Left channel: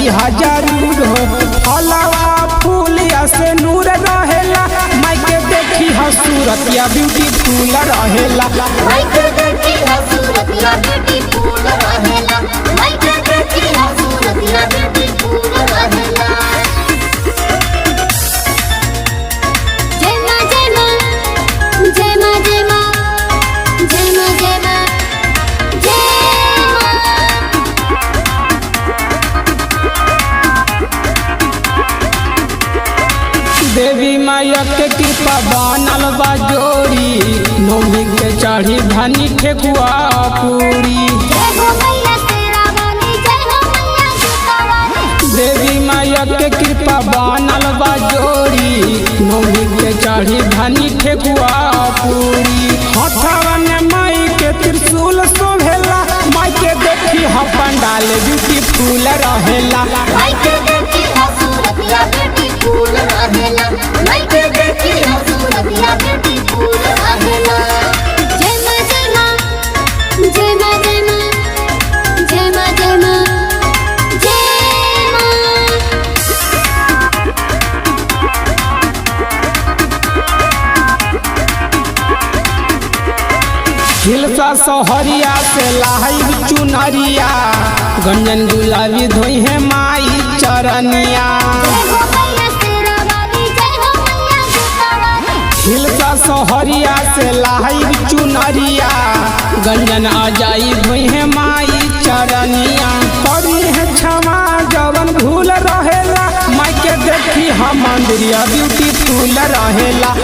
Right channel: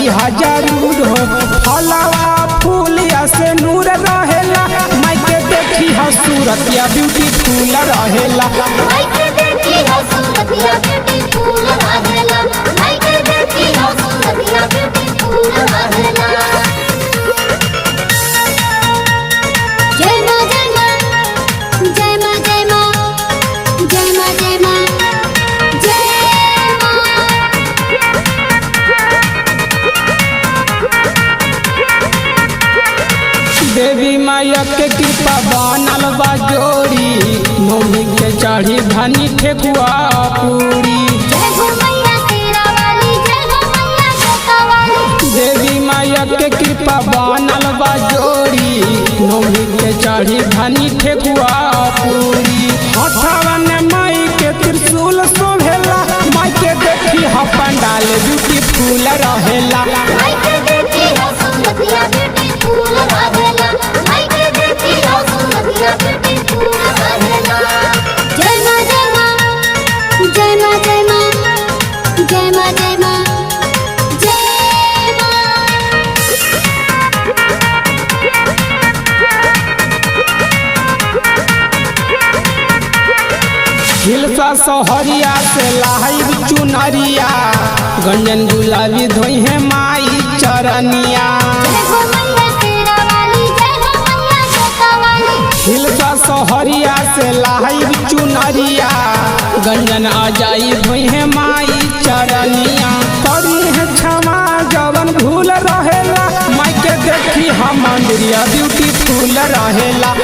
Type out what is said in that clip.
करी जरूर हो। फलवा फूल से नूर रहेला, माई के देखी हा सूरत या ब्यूटीफुल रहेला। देवी माया के कृपा बनल बा जोड़ी, नौमी के चढ़ी धनी ठेकुआ पूरी। देवी माया के कृपा बनल बा जोड़ी, नौमी के चढ़ी धनी ठेकुआ पूरी। हथवा ने माई के त्रिशूल शोभेला, माई के देखी हा पंडाल ब्यूटीफुल रहेला। हिलसा सोहरिया से लाइब चुनरिया, गंजन गुलाबी धोई है माई चरनिया। हिलसा सोहरिया से लाइब चुनरिया, गंजन अजाई धोई है माई चरनिया। करी है क्षमा जवन भूल रहेला, माई के देखी हम मंदिरिया ब्यूटीफुल रहेला।